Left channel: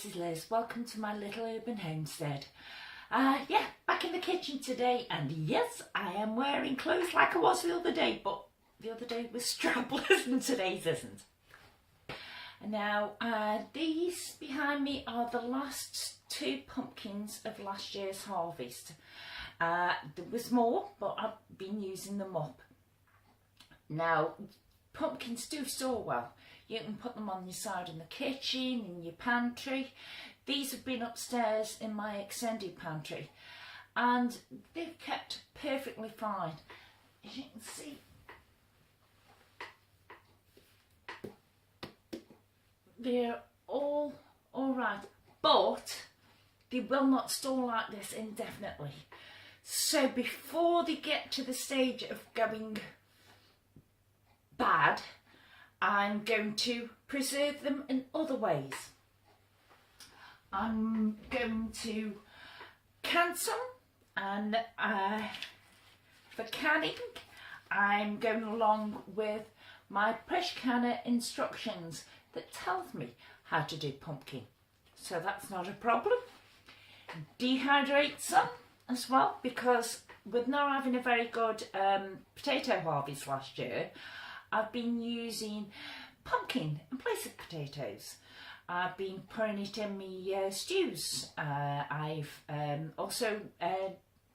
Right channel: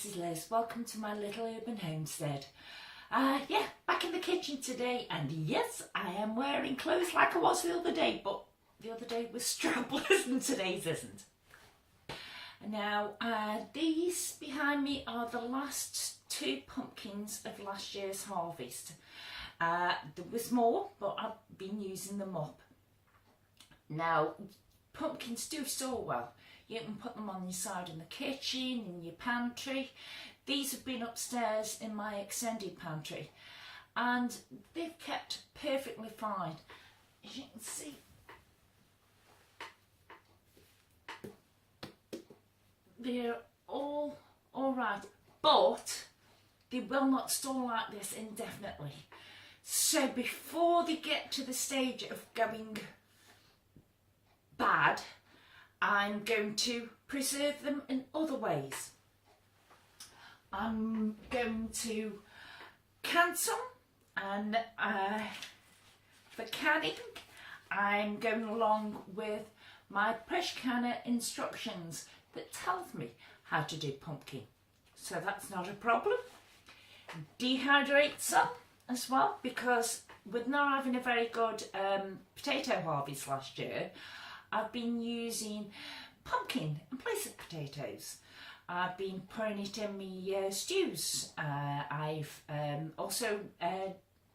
this is Liz. Welcome to my little urban homestead. Back in the kitchen today, and yes, I am wearing clothes like I was the other day, but the other day was strapless and today's isn't. Now, these behind me are the last two pumpkins of last year's harvest. There was more, but I've been using them up. Now, pumpkins do store well. You can put them on your side in the kitchen, in your pantry. These have been upstairs in my extended pantry and they've kept perfectly fine. As you can see, they're all right, but they will not store like this indefinitely. So before they get to the stage of going bad, I'm going to preserve them in other ways. I'm going to can some, and for canning I'm going along with my pressure canner instructions that tells me how to do pumpkin, so that's not a problem. Dehydrate some as well, because with not having a very good potato harvest last year, I've been using pumpkin in place of potatoes. I've been putting it in my stews. I've also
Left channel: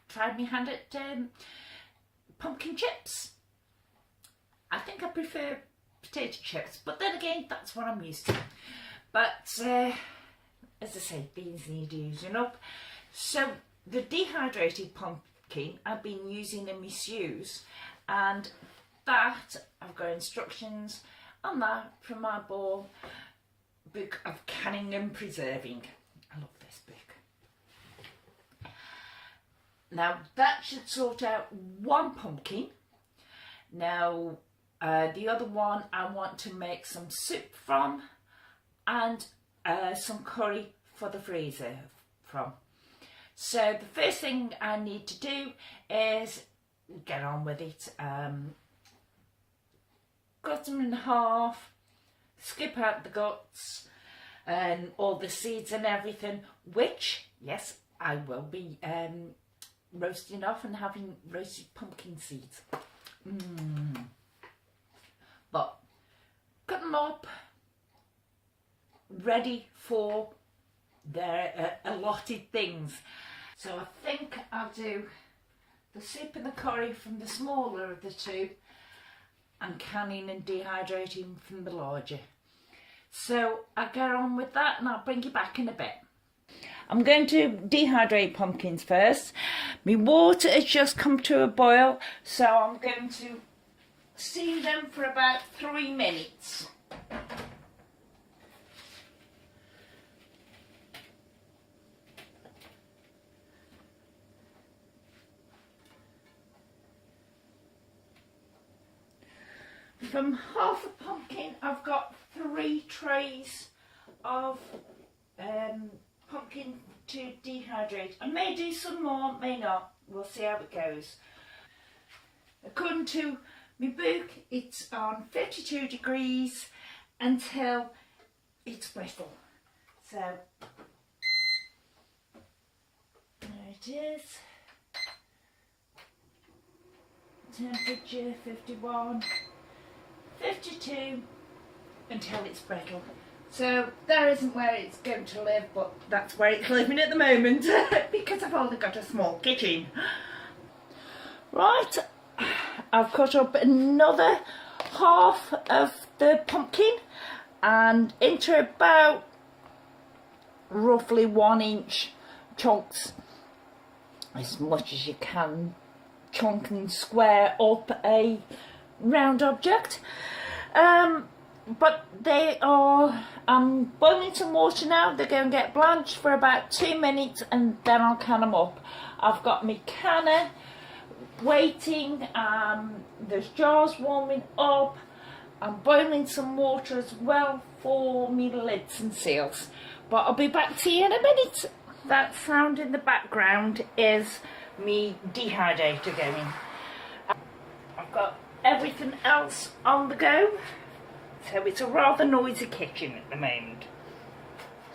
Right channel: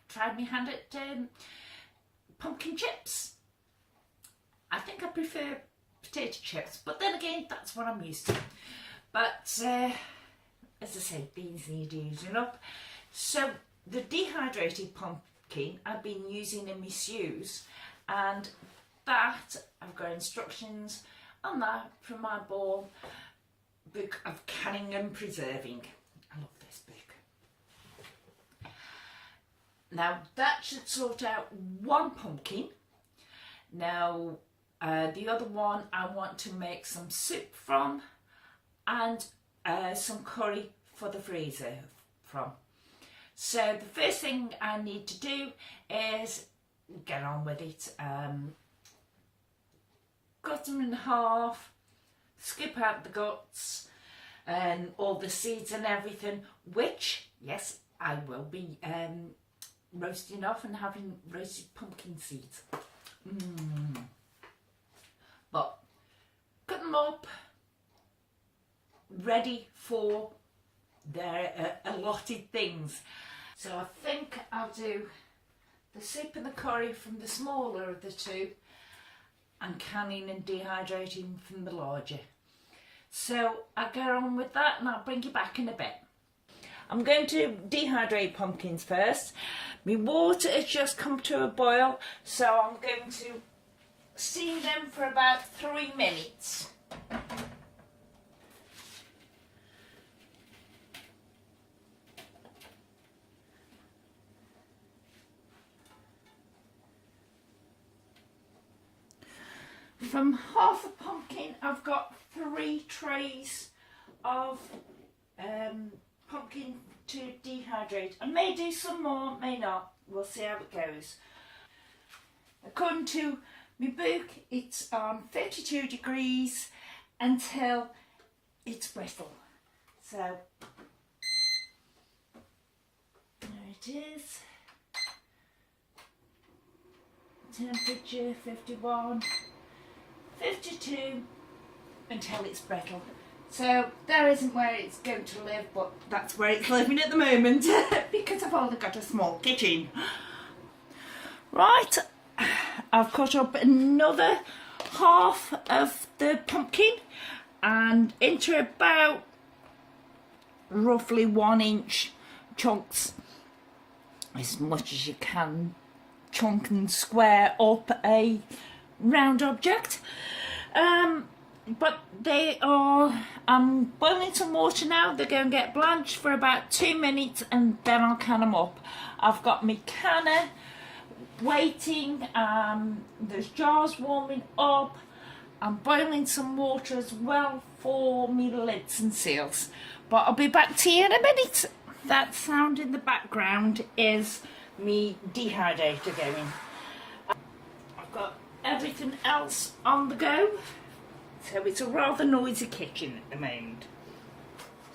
tried my hand at pumpkin chips. I think I prefer potato chips, but then again, that's what I'm used to. But as I say, these need using up. So the dehydrated pumpkin I've been using in my stews, and that I've got instructions on that from my book of canning and preserving. I love this book. Now that should sort out one pumpkin. Now the other one I want to make some soup from, and some curry for the freezer from. So the first thing I need to do is get on with it. Cut them in half, skip out the guts and all the seeds and everything, which, yes, I will be roasting off and having roasted pumpkin seeds. But cut them up, ready for their allotted things. So I think I'll do the soup and the curry from the smaller of the two, and canning and dehydrating from the larger. So I'll get on with that and I'll bring you back in a bit. I'm going to dehydrate pumpkins first. My water has just come to a boil, so I'm going to steam them for about 3 minutes. From half a pumpkin, I've got 3 trays of pumpkin to dehydrate. I may do some more, may not. We'll see how it goes. According to my book, it's on 32 degrees until it's brittle. So there it is. Temperature 51. 52 until it's brittle. So there isn't where it's going to live, but that's where it's living at the moment because I've only got a small kitchen. Right, I've cut up another half of the pumpkin and into about roughly 1-inch chunks, as much as you can chunk and square up a round object. But they are, I'm boiling some water now. They're going to get blanched for about 2 minutes and then I'll can them up. I've got my canner waiting, there's jars warming up. I'm boiling some water as well for me lids and seals, but I'll be back to you in a minute. That sound in the background is me dehydrator going. I've got everything else on the go, so it's a rather noisy kitchen at the moment.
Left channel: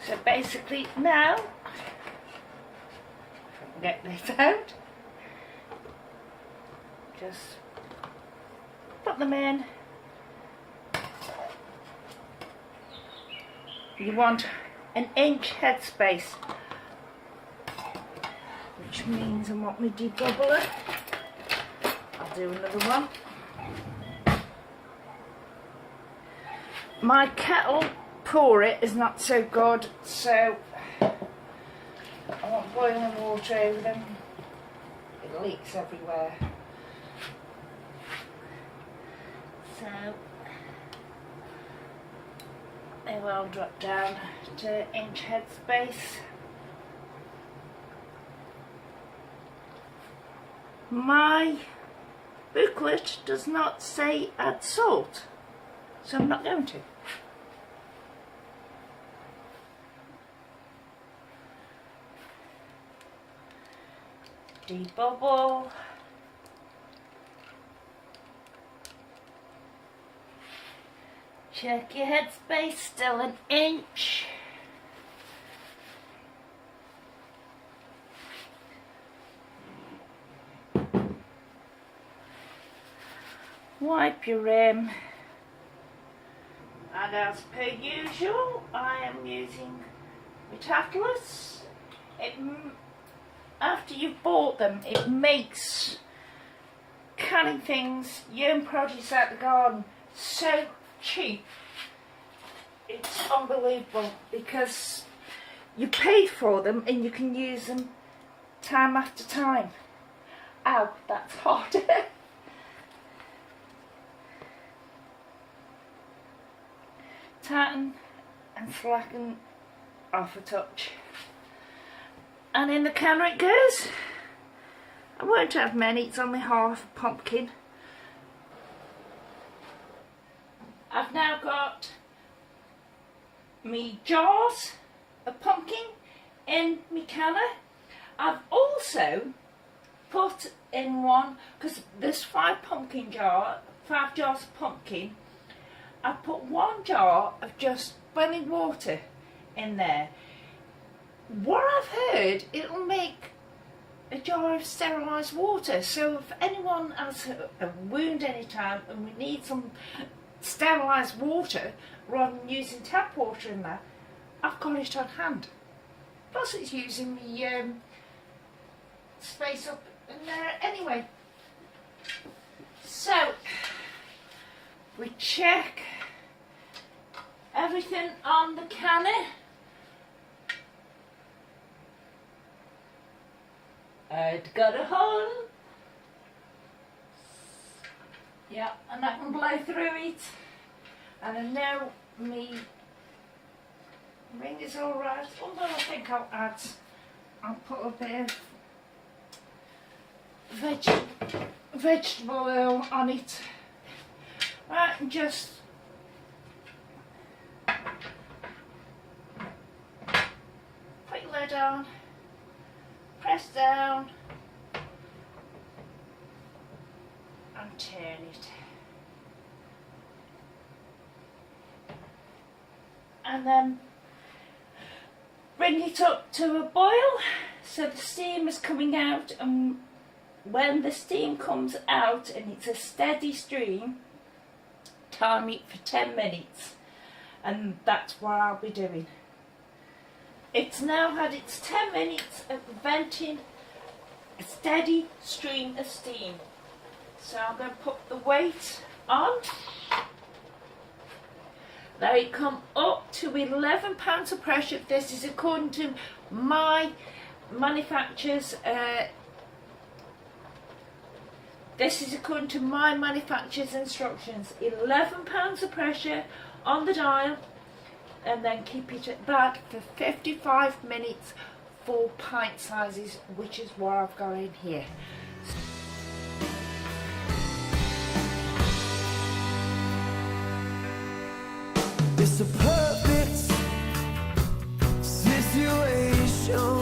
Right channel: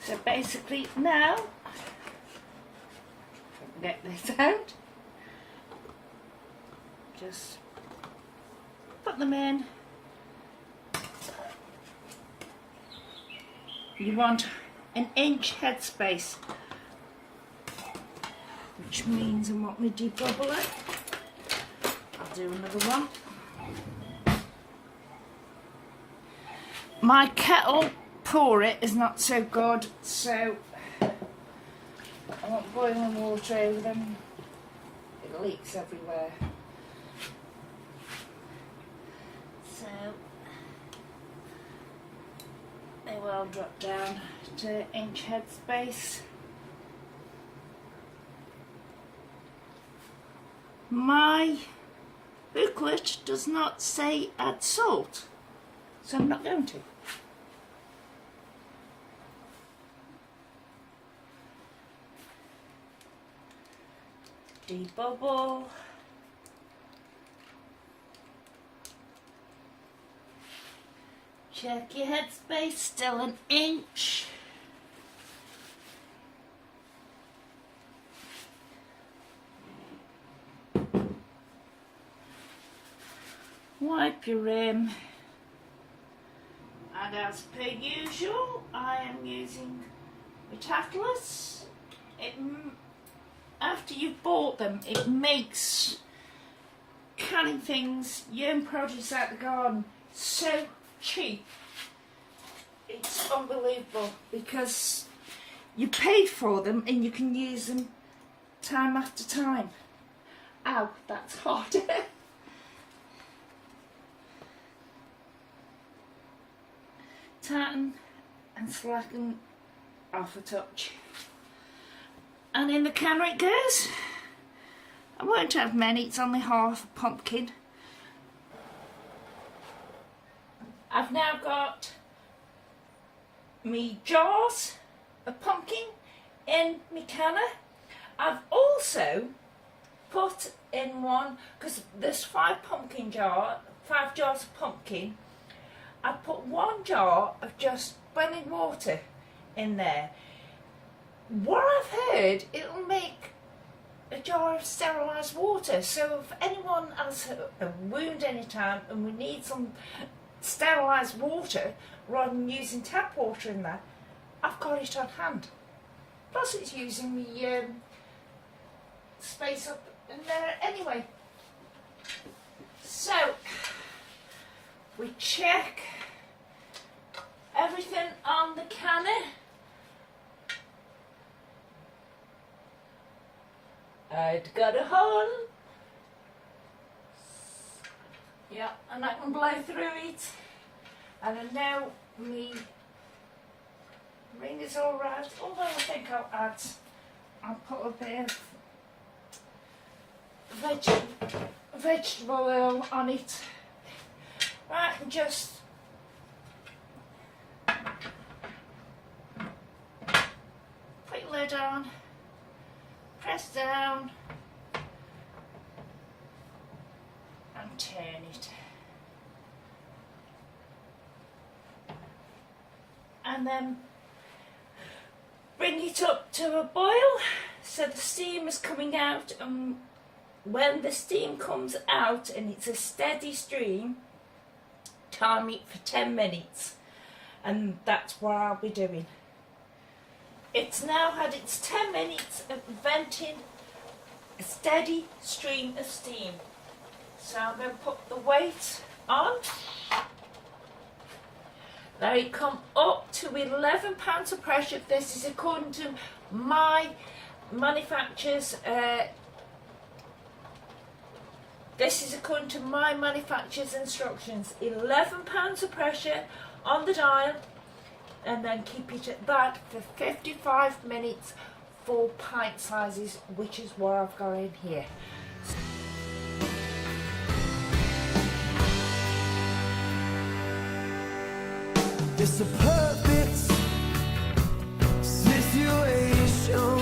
So basically now, if I can get this out, just put them in. You want an inch headspace, which means I want me debubbler. I'll do another one. My kettle pour it is not so good, so I want boiling water over them. It leaks everywhere. So they will drop down to inch headspace. My booklet does not say add salt, so I'm not going to. Debubble. Check your headspace, still an inch. Wipe your rim. And as per usual, I am using Metaculus. After you've bought them, it makes canning things, your own produce out the garden, so cheap. It's unbelievable because you paid for them and you can use them time after time. Ow, that's hot. Tighten and slacken off a touch. And in the canner it goes. I won't have many, it's only half a pumpkin. I've now got me jars of pumpkin in my canner. I've also put in one, because there's 5 jars of pumpkin. I put 1 jar of just boiling water in there. What I've heard, it'll make a jar of sterilised water. So if anyone has a wound anytime and we need some sterilised water rather than using tap water in there, I've got it on hand. Plus it's using the space up in there anyway. So we check everything on the canner. I'd got a hole. Yeah, and I can blow through it. And I know me ring is alright, although I think I'll put a bit of vegetable oil on it. Right, and just put your lid on, press down and turn it. And then bring it up to a boil so the steam is coming out, and when the steam comes out and it's a steady stream, time it for 10 minutes, and that's what I'll be doing. It's now had its 10 minutes of venting a steady stream of steam. So I'm going to put the weight on. They come up to 11 pounds of pressure. This is according to my manufacturer's instructions. 11 pounds of pressure on the dial, and then keep it at that for 55 minutes for pint sizes, which is what I've got in here. It's a perfect situation.